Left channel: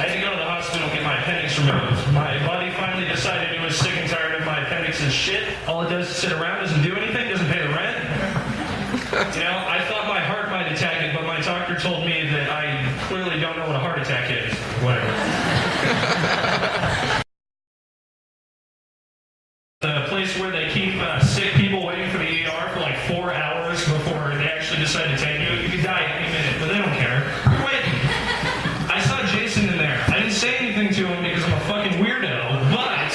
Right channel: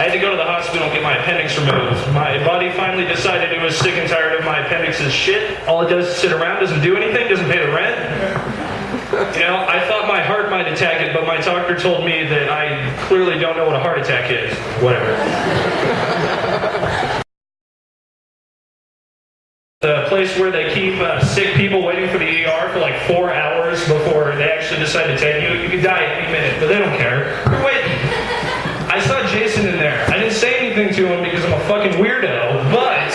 I had to go to the hospital and get my appendix removed. My body finally decided it was sick and tired of my appendix's shit. All it does is sit around, doesn't do anything, doesn't pay the rent. You know, I thought my heart might attack it, but my doctor told me that I clearly don't know what a heart attack is. Whatever. The place where they keep sick people waiting for the ER for like 4 hours before they actually decide to take you. You could die any minute, but they don't care. You're waiting. I saw Jason in there. I didn't say anything to him because I'm a fucking weirdo, but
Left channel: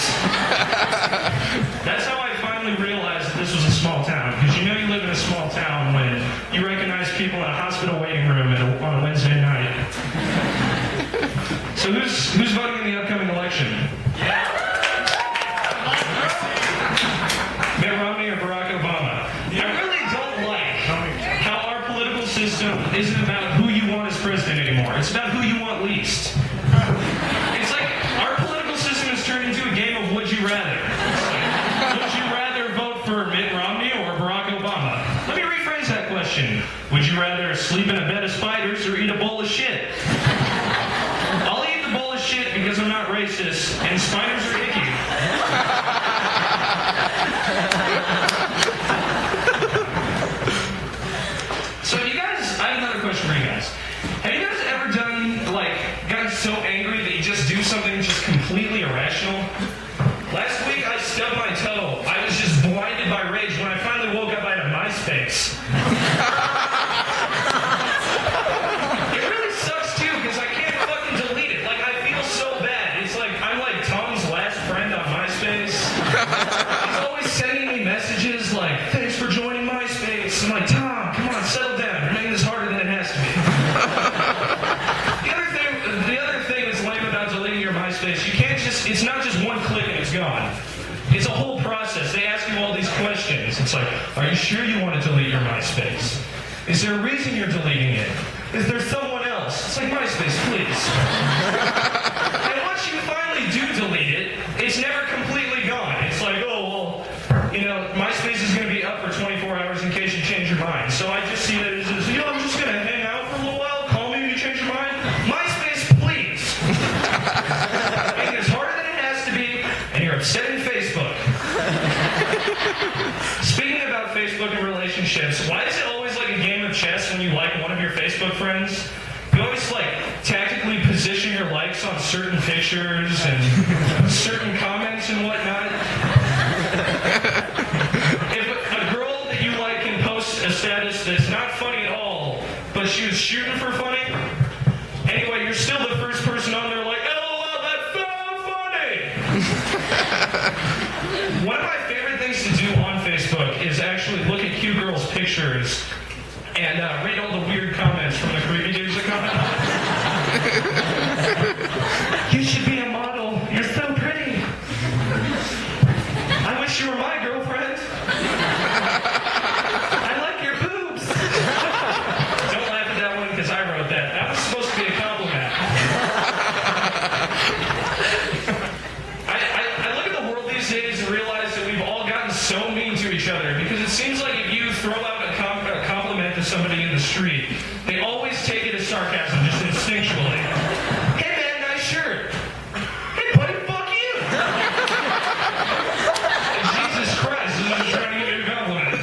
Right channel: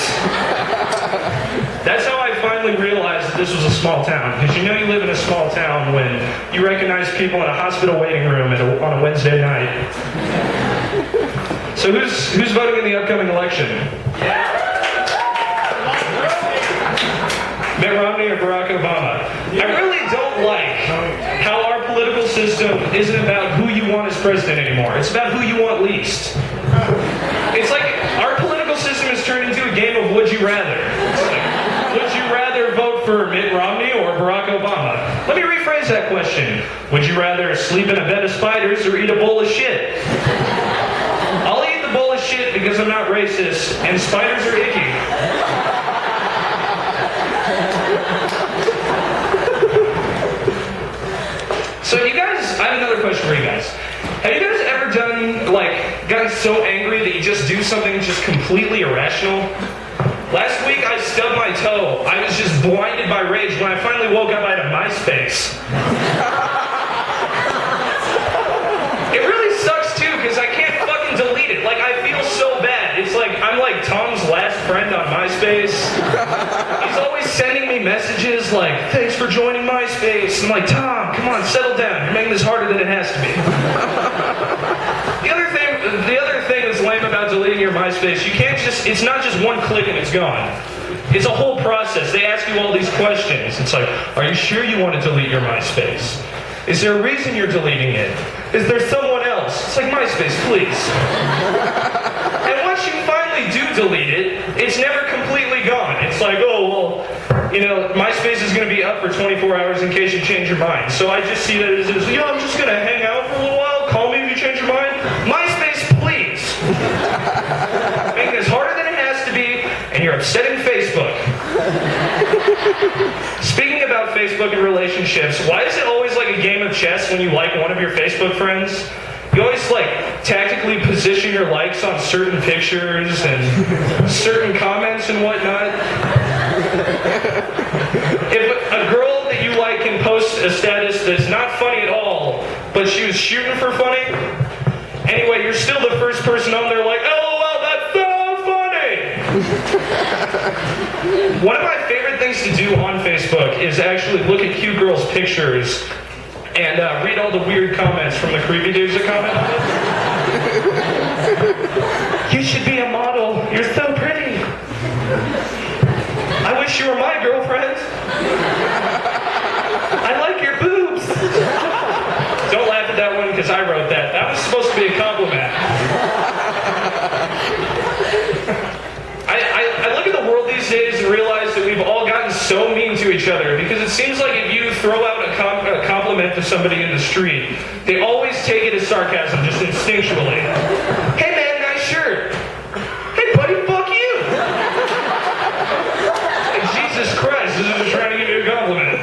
that's how I finally realized that this was a small town. Because you know you live in a small town when you recognize people in a hospital waiting room on a Wednesday night. So who's voting in the upcoming election? Yeah. Mitt Romney or Barack Obama? I really don't like how our political system isn't about who you want as president anymore. It's about who you want least. It's like our political system has turned into a game of would you rather. Would you rather vote for Mitt Romney or Barack Obama? Let me rephrase that question. Would you rather sleep in a bed of spiders or eat a bowl of shit? I'll eat the bowl of shit because I'm not racist and spiders are icky. So you guys, I have another question for you guys. Have you guys ever gotten so angry that you just do something just completely irrational? Last week I stubbed my toe. I was just blinded by rage. When I finally woke up, I had a MySpace. It really sucks too, because I can't fucking delete it. Like, I feel so bad. It's like, I'm like Tom's last friend on MySpace. He's always sending me messages like, thanks for joining MySpace. I'm like, Tom, come on, settle down. You're making this harder than it has to be. The other thing that's lame about deleting your MySpace, you can't just, it's not just one click and it's gone. It's a whole process. They ask you all these questions. It's like, are you sure you want to delete your MySpace? Is there a reason you're deleting it? Is there someone else? It's like, MySpace, please. And once you finally do delete it, it's never completely gone. It's like, oh, well, you know, MySpace is going to be up for 24 hours in case you change your mind. So I just see that as, you know, I'm just going to hang out for a little while, call me if you change your mind. MySpace, please. Make this harder than it has to be, and you're upsetting Facebook. Speaking about Facebook and relationships, why is it always like a game of chess when you like one of your Facebook friends? You always like tactically position your likes on certain pictures and certain comments and whatnot. If a girl that you like can post a status that's not funny at all, but she was shooting for funny, anyway, you're still the first person on there like, LOL, that's so funny! One of my favorite things to do on Facebook is actually look at cute girls' pictures and read all the weird comments from the creepy dudes that comment on it. You should be a model. You're so pretty. I wish you were my girlfriend. I like your boobs. Don't laugh at that one because I wrote that. That was supposed to be a compliment. I look at the world these days and realize that we've all gotten so mean to each other because it seems like if you throw out a compliment to somebody in the street, they always take it as sarcasm, just instinctually. Hey man, nice shirt. Hey buddy, fuck you. Jesus Christ, this is trying to give you a compliment.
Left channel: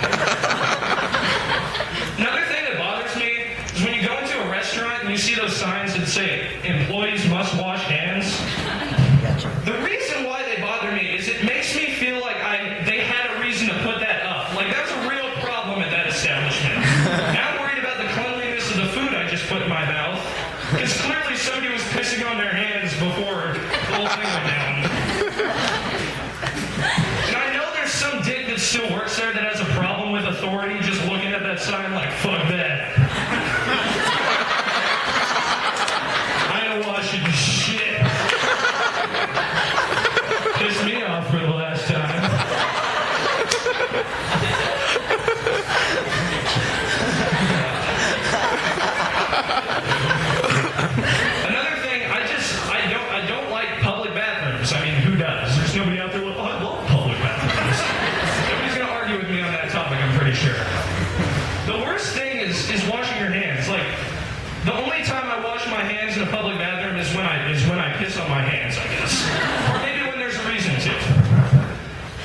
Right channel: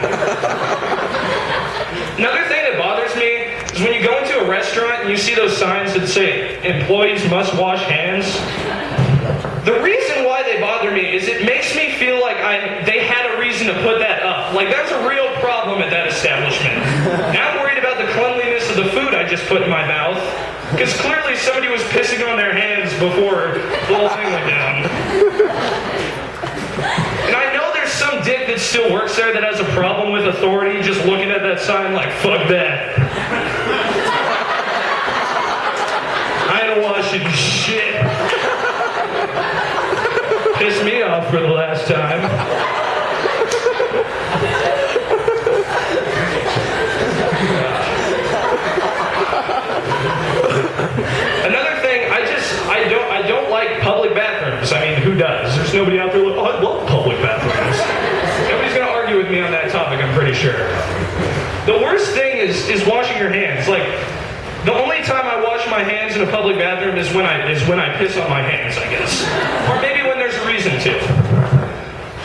Another thing that bothers me is when you go into a restaurant and you see those signs that say, employees must wash hands. The reason why they bother me is it makes me feel like they had a reason to put that up. Like, that's a real problem at that establishment. Now I'm worried about the cleanliness of the food I just put in my mouth, because clearly somebody was pissing on their hands before the whole thing went down. And I know there's some dick that still works there that has a problem with authority, just looking at that sign like, fuck that. I ain't washing shit. Pissed me off for the last time. Another thing, I don't like public bathrooms. I mean, who does? There's nobody out there like, oh, I love public bathrooms. Nobody's gonna argue with me on that topic, I'm pretty sure. The worst thing is washing your hands. Like, The only time I wash my hands in a public bathroom is when I piss on my hands, I guess. Or maybe when there's a reason to.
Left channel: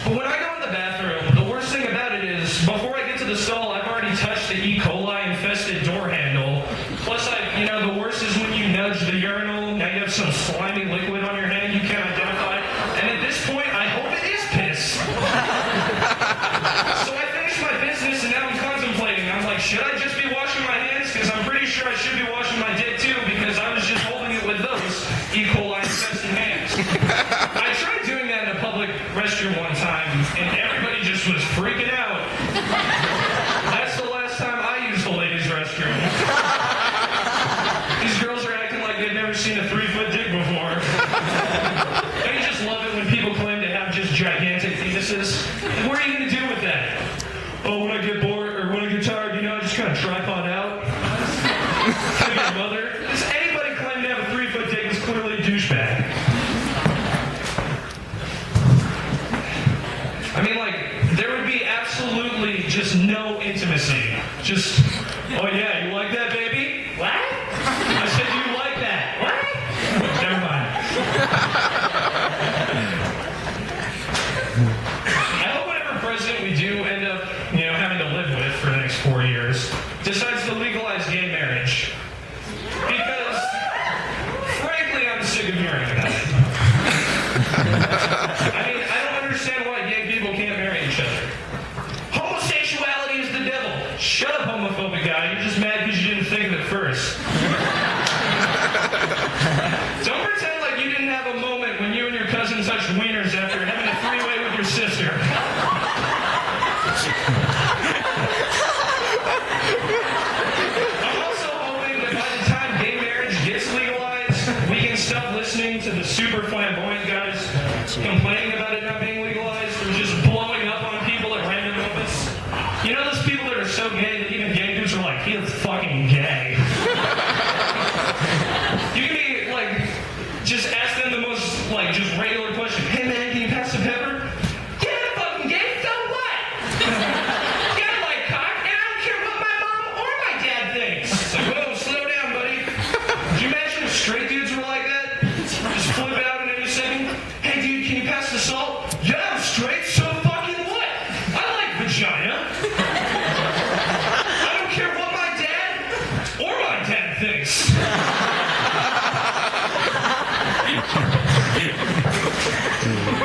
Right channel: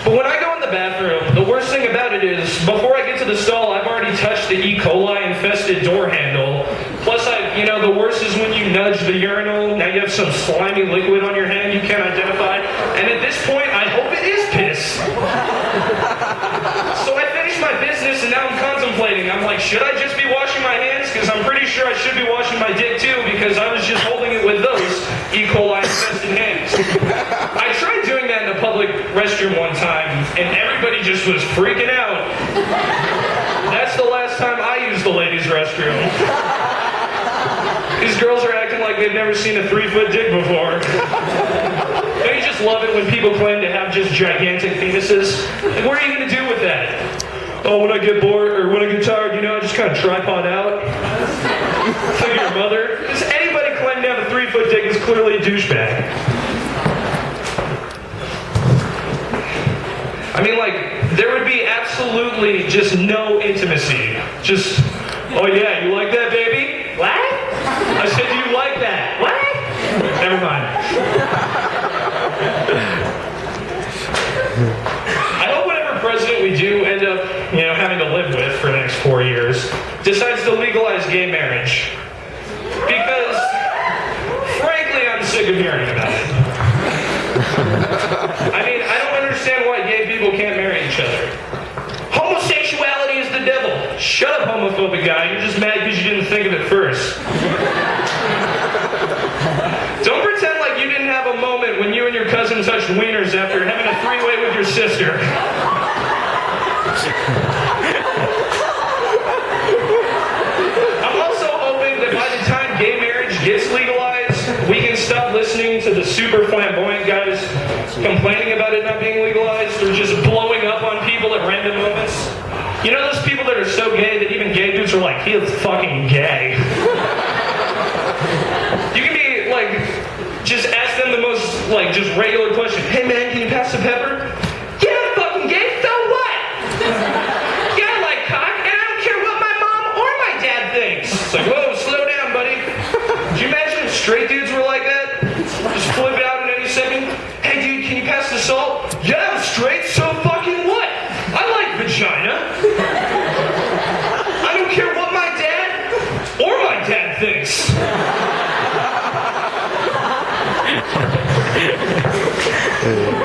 But when I go in the bathroom, the worst thing about it is, before I get to the stall, I've already touched the E. coli-infested door handle. Plus, the worst is when you nudge the urinal. Now you have some slimy liquid on your hand you can't identify. And at this point, I hope it is piss. So I finished my business, and now I'm contemplating. I'm like, should I just be washing my hands? Because I'm pretty sure I should be washing my dick too, because I was just holding it with those E. coli-infested hands. I tried doing that in a public restroom one time, and everybody just was freaking out. That's the last time I used the ladies' restroom. These girls are acting like they've never seen a 3-foot dick before. Don't you just love it when people claim to have just gigantic penises? Like, what are you going to do with that? Oh, when I get bored, or when I get tired, I just kind of tripod out. Think of your mother. Does anybody claim to have a 3-foot dick is clearly a douchebag. I mean, there would be absolutely just no intimacy. Just, oh yeah, you like that, baby? What? I said, do you like that? What? Never mind. I hope whatever president we do end up, having to live with for the next 4 years, decides to legalize gay marriage. Because, frankly, I'm sick of hearing about it. I mean, I don't understand why gay people can't marry each other. Homosexuality is the devil. Shut up, homophobic guy. You're just mad because you didn't think of it first. Don't pretend like you didn't have a moment when you and your cousin touched wieners after having a 3-way with your sister. I'm also hoping that by the time gay marriage gets legalized, we can stop listening to the super flamboyant guys complaining about it not being legalized or just blowing up on people at random moments. You know those people that are so gay that even gay dudes are like, he is fucking gay. You can be just ask them the most just regular question. Hey man, can you pass the pepper? Yeah, I'm fucking gay, so what? Yeah, I like cock, and I don't care what my mom or my dad thinks. It's like, whoa, slow down, buddy. Could you imagine if straight dudes were like that? Just flip out in any second. Hey dude, can you pass the salt? Yeah, I'm straight, so fucking what? I like vagina. I don't care what my dad or my dad thinks.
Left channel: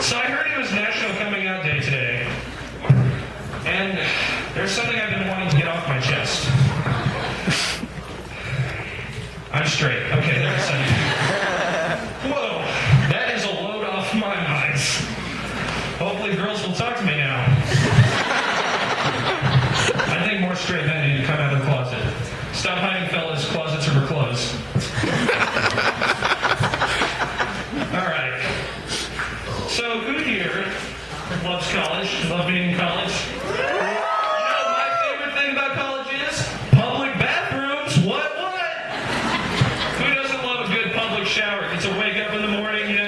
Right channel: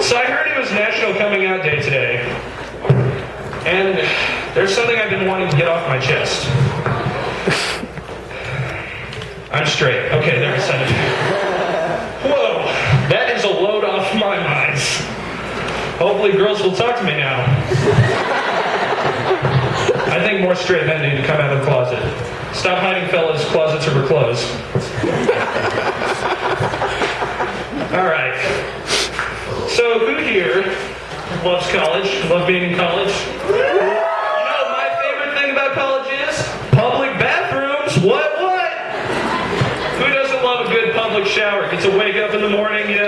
So I heard it was National Coming Out Day today. And there's something I've been wanting to get off my chest. I'm straight. Okay, there I said it. Whoa, that is a load off my mind. Hopefully girls will talk to me now. I think more straight men need to come out of the closet. Stop hiding, fellas. Closets are for clothes. All right. So who here loves college? Love being in college? My favorite thing about college is public bathrooms. What? Who doesn't love a good public shower? Gets to wake up in the morning,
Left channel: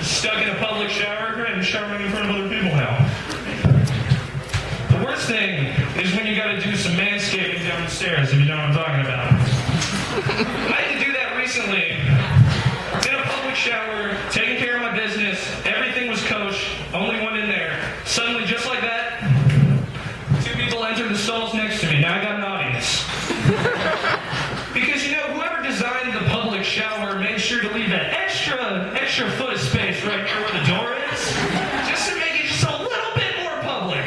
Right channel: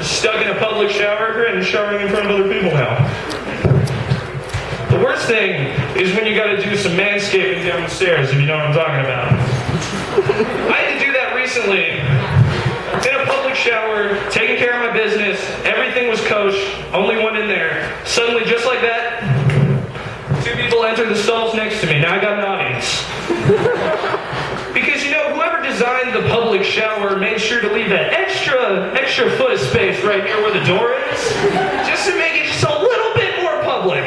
stuck in a public shower and showering in front of other people now. The worst thing is when you got to do some manscaping down the stairs, if you know what I'm talking about. I had to do that recently. In a public shower, taking care of my business, everything was kosher, only one in there. Suddenly, just like that, 2 people entered the stalls next to me. Now I got an audience. Because, whoever designed the public shower made sure to leave that extra foot of space right near where the door is, just to make it just a little bit more public.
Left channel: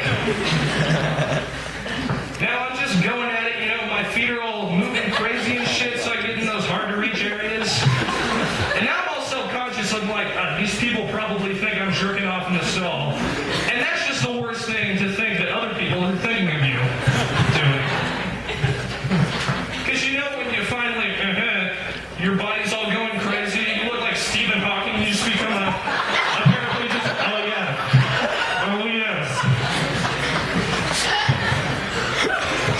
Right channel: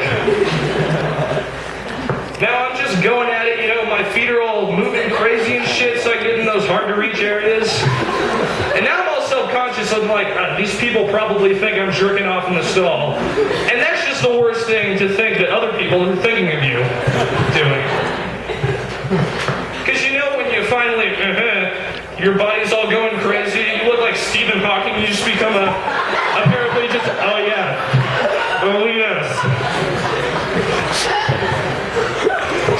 Now I'm just going at it, my feet are all moving crazy and shit, so I get in those hard-to-reach areas. And now I'm all self-conscious. I'm like, these people probably think I'm jerking off in the stall. And that's just the worst thing to think that other people are thinking of you doing. Because when you finally, your body's all going crazy, you look like Stephen Hawking, you just become a paraplegic. Oh yeah. Oh yes.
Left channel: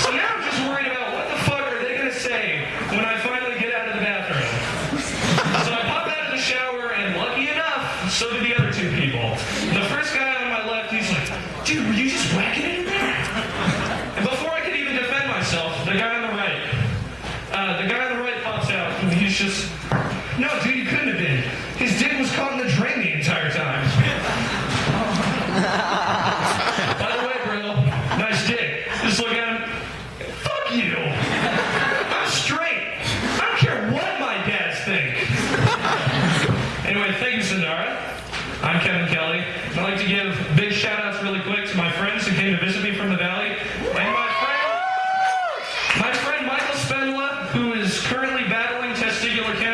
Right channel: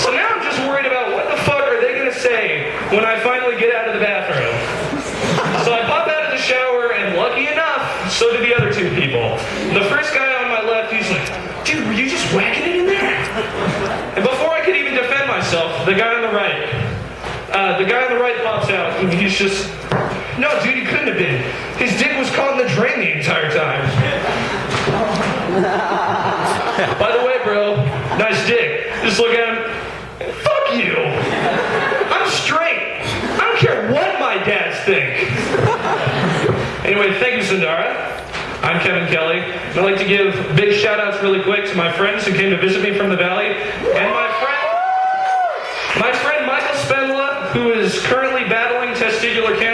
So now I'm just worried about what the fuck are they going to say when I finally get out of the bathroom. So I pop out of the shower, and lucky enough, so do the other 2 people. The first guy on my left, he's like, dude, were you just whacking it in there? he's just... No, dude, he couldn't have been. His dick was caught in the drain the entire time. By the way, bro, nice dick. Just look at him. Fuck you. I'm straight. I don't care what my dads think. Anyway, thank you, Sundara. I'm Kevin Kelly, and I'd like to give big shout-outs really quick to my friends who came to visit me from the Valley, and my friend Michael Spendla, who is currently battling testicular cancer.